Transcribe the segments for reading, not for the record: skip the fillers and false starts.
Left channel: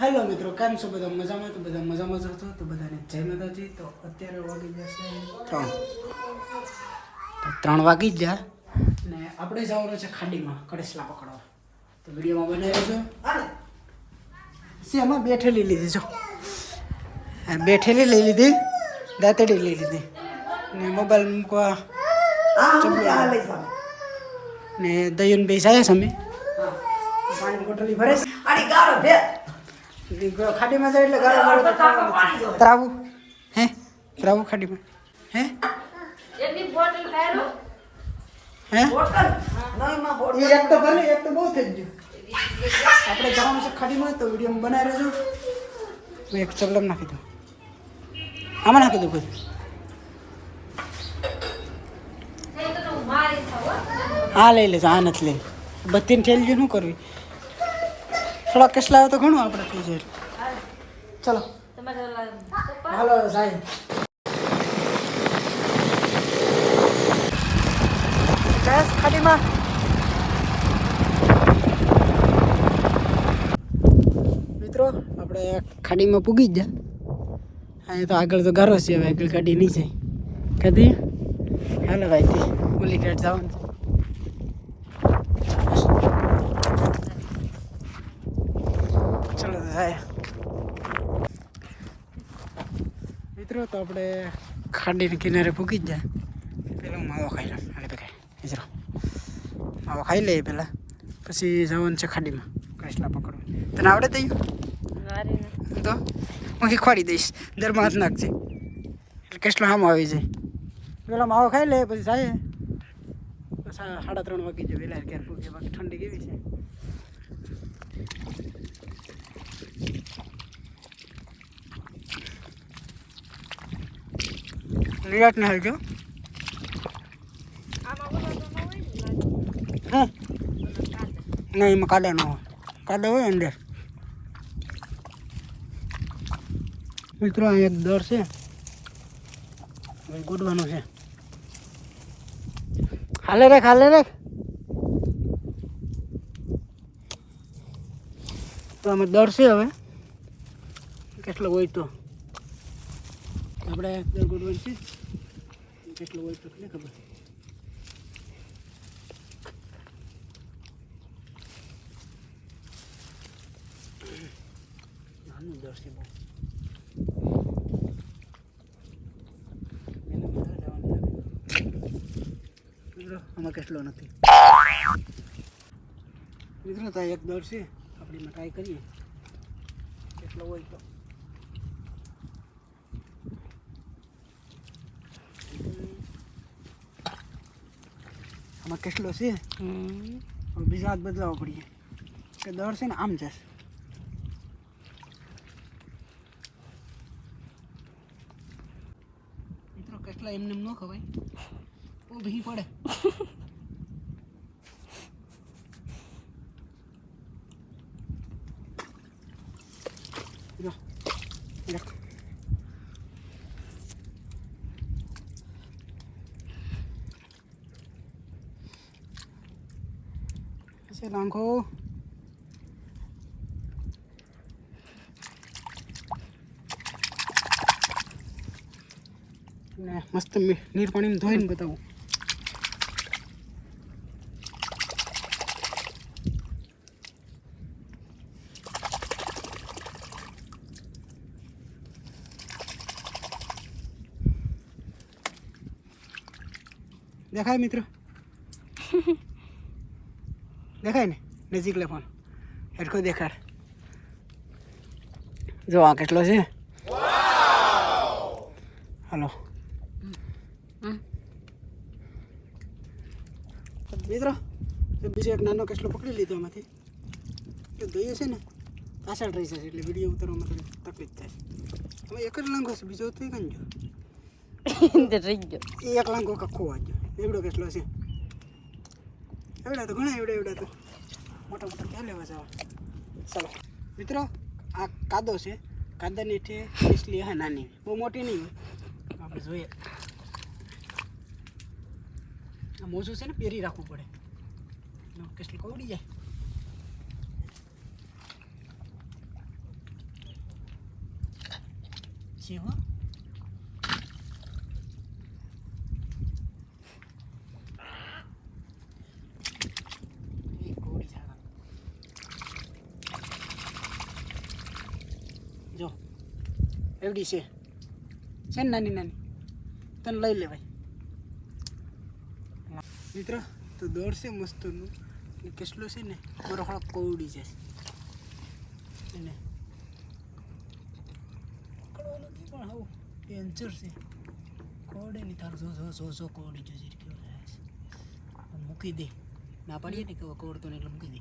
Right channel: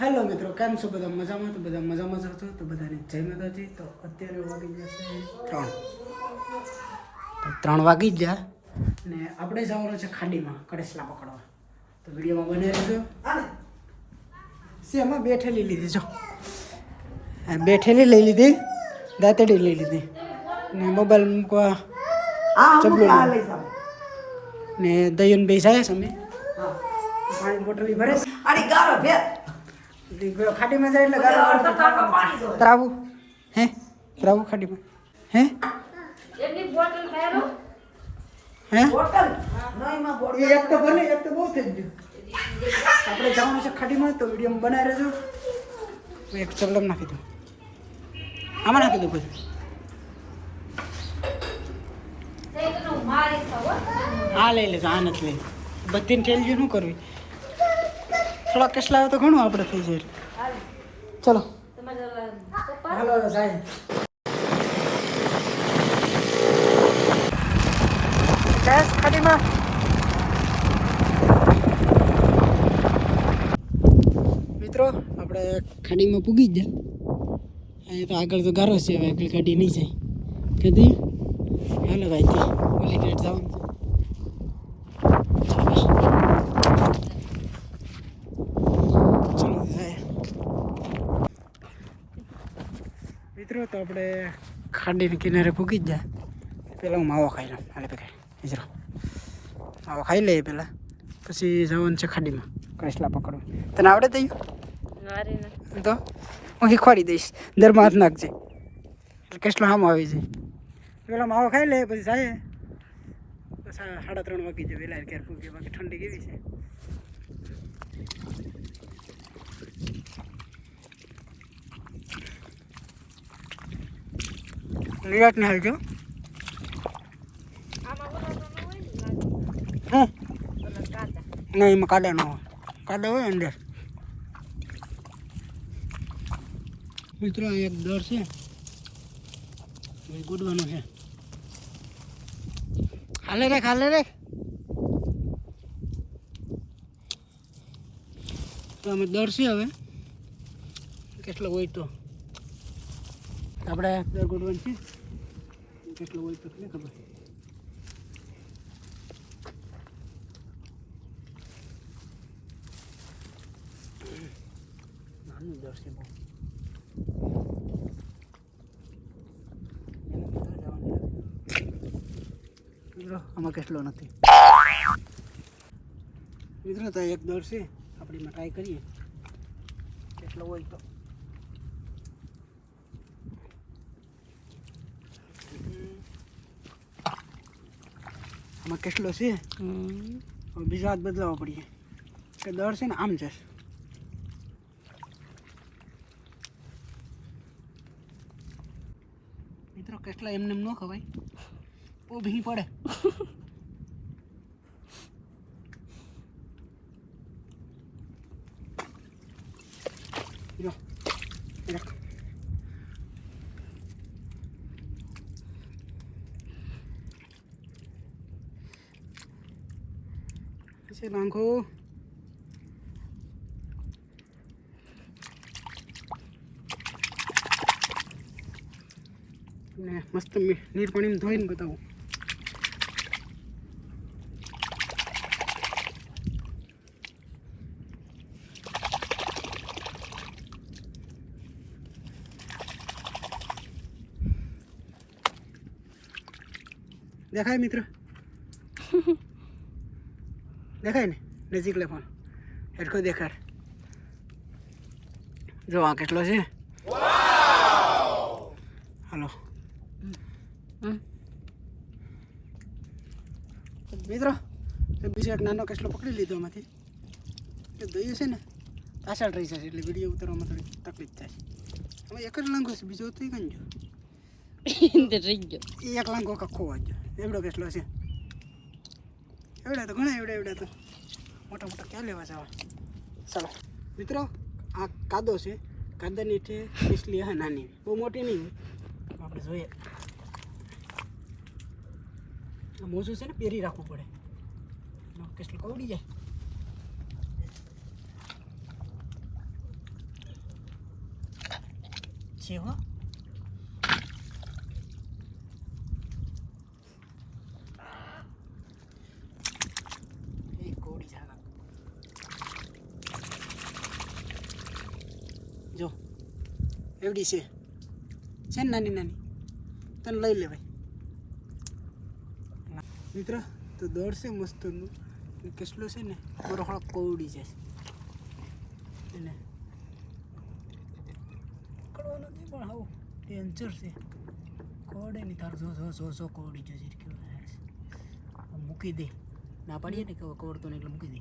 Hello મિત્રો, કેમ છો બધા? મજામાં? તો બધા મજામાં જ હતો. તો બધાને જય માતાજી. તો અત્યારે વાગી જશે 3 વાગી જ ગયા ને આપણે જવાનું છે ખાડીમાં કડેસલા પકડવા. તો વિડીયોમાં બને રહેજો. એમાં બેઠેલી લીધી જો, બેઠેલી લઈ લીધી, દાંતડી લઈ લીધી ને મોબાઈલ મૂકવા ચબલું ને દયન બે જાય છે. અમે પાણી બોટલી ભરે ખાડીમાં જાય એટલે ગાળો ત્રાવું હે ત્રાવું ખાડીમાં હે હે એક તો ભલે એક તો બહુ થઈ ગયું. આપણે જવાનું છે ખાડીમાં. તો વિડીયો બનાવી રહેજો. મેં એક ચબલમ નાખી દઉં, આમાં નાખી દઉં બધું. હા લઈ લેજો, આ નથી લઈ. બધીને ઠેલી શું કરવી? થોડા કેસલા આવે તો ઘણું આપણે થઈ જાય. ચલો હાલો સાહેબ. ખાડીમાં મિત્રો આપણે ખાડીમાં પૂગી જ ગયા. અહીંયા તો આગળ તો ગારો છે. હવે આગળ ગાડી નહીં જાય કદી. હાલો ભાઈથી ઓલી ગેટ જવાનું છે. ચલો તો જાય મિત્રો. તો આપણે ખાડીને કિનારે પૂગી જ જાય. પેલા હું માવો ખાઈ લઉં. હાલે ભાઈ હિજરો માવો ખાઈ લઈએ પહેલાં, પછી જવાનું છે ખાડીમાં કસલા પકડવું. તને આવડે તૈયું તો હું શીખવાડી દઈશ. દરમાં હાથ નાખજે એટલે કેટલો આમ આવી જાય. પેલા માવો ખાઈ લે પછી જાય. 3:30 વાગી જાય. વહેલા ક્યારે પૂગે? બાકી ઠંડી કેવી છે? નિરાટ ને હાલજો. નહીં એમાં કાદા ન હોય. કાદા હોય અંદર. મિત્રો અહીં એક દર છે, ગોડવાનું છે. હાલે રાખ, હાલે રાખ. તો અમે દર છે. હવે કેટલો હોય તો આપણે દર ગોડવાનું છે. કેટલો હોય તો નહીં ખબર. નાનું દર છે બહુ. મિત્રો આમાં કેટલો નથી. મિત્રો તો એક દર છે. આપણે એમાં ટ્રાય કરીએ કેટલો હોય તો. આમાં કેટલો છે બીજા હાથ બદલાવો પડીએ કે દર છે ને આમ જશે. મિત્રો કેટલા એમને ન ખવાય, ઊભી પડે. ऐसे लांघो मस्त नीर पानी में धोઈને बताऊं. દેખાય મિત્ર? દેખાય ને? નજીક લે ફોન, હેરખો દેખાડ. જો આ કેટલો છે. હાલો મિત્રો, બીજો એક નાનો કેસલો પકડી લીધો એમાંથી. એ દોયો છે ને પાછળ રહી જશે એટલે વિડીયો ઉતારવામાં થોડી તકલીફ થાય. હવે એક જ લાંગો છે, બીજો તો કંજો એક લાંગો કખો વાંચ્યો. એવડો કેસલો છે. એવડા તો ઘણા એવડા તો મોટા મોટા ક્યાં લેવા જવા. ચાલો મિત્રો, આ કાદો છે. કાદાની હેઠે કેસલી હા નાની, બહુ મોટી નહીં. આપણે જોઈએ. આ મોજું છે ને પહેરી રાખવું પડે, કેસલી કવડી જાય. છે હો કોડી સારા જો એવડી છે ને નાની નાની તને લઈ લેવાય મિત્ર તો દોડશે મસ્તનું કેટલો છે ને મારો હળક કોવડી જશે એને પકડવાનો નથી પણ હાવ ડેન્જર છે કોવડે નહીં તારું જો કોવડી જશે મૂકી દે ના પાડીએ ને કે કોવડતો ને એટલે મૂકી દે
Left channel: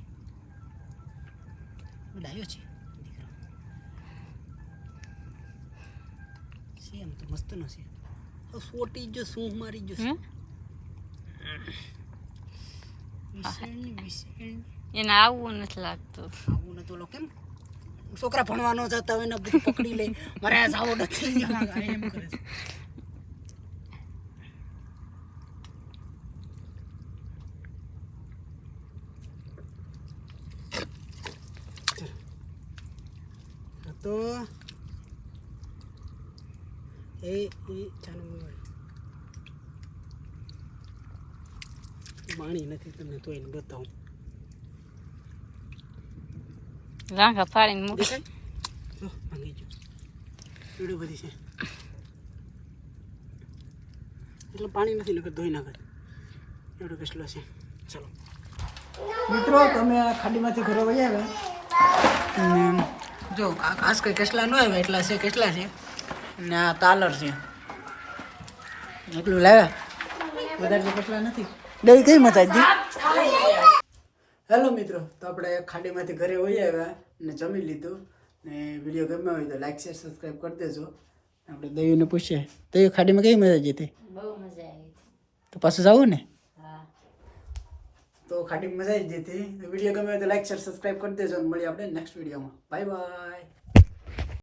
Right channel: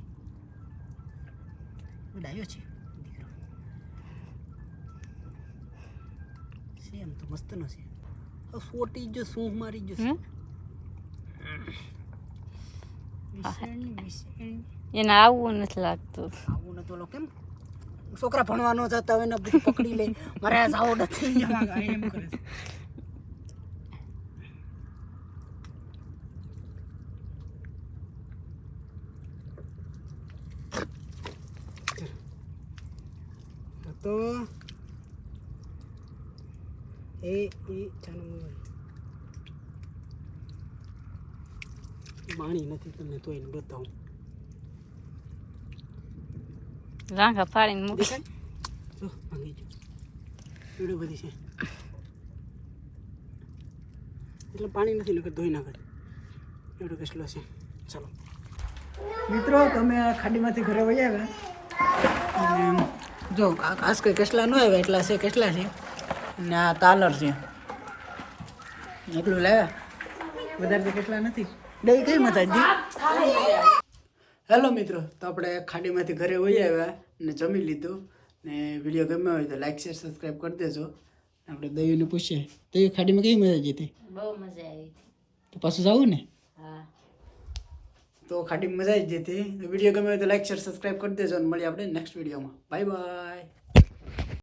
ડાયો છે દીકરો છે એમ તો મસ્તનો છે સોટી જો સૂંઘ મારી જશે એને આવું નથી લાગતું આવું નતું ઓલો કેમ છોકરા ભણવાનો જતા હોય ને બધું પકડી લે મારે આ જાવ નથી એમ કરે છે તો એ ચાલો માણી નથી તમને તો એને બતાવું રાંખા ફાડીને મૂકી જો ભાંગી જો એવડી બધી છે એટલે પાણી નથી નકર ધોઈ નાખે એવડો કેટલો છે ચાલો મિત્રો તમે આ ખાડીમાંથી ઘરે વહી આવ્યા અને જો આ ખાસ કંઈ કેટલા ન આવ્યા એટલા છે કેટલા છે ને આ તાલર છે એટલું લાગે વધારે તો કેટલા નથી બે કઈ મતાજી હેલો મિત્રો તો આપણે ખાડીમાંથી ઘરે વહી આવ્યા ને જમી લીધું ને વિડીયો ગમ્યો હોય તો લાઈક શેર સબસ્ક્રાઈબ કરી દેજો આપણે દયુને પૂછીએ દયુ ખાડીમાં કઈ મજા આવી હતી બહુ મજા આવી તો પાછું જવું ને હા તો ખાડીમાં મજા આવી જતી વિડીયો ગમ્યો હોય તો લાઈક શેર સબસ્ક્રાઈબ કરી દેજો અને મળીએ આપણે નેક્સ્ટ વિડીયોમાં બાય બાય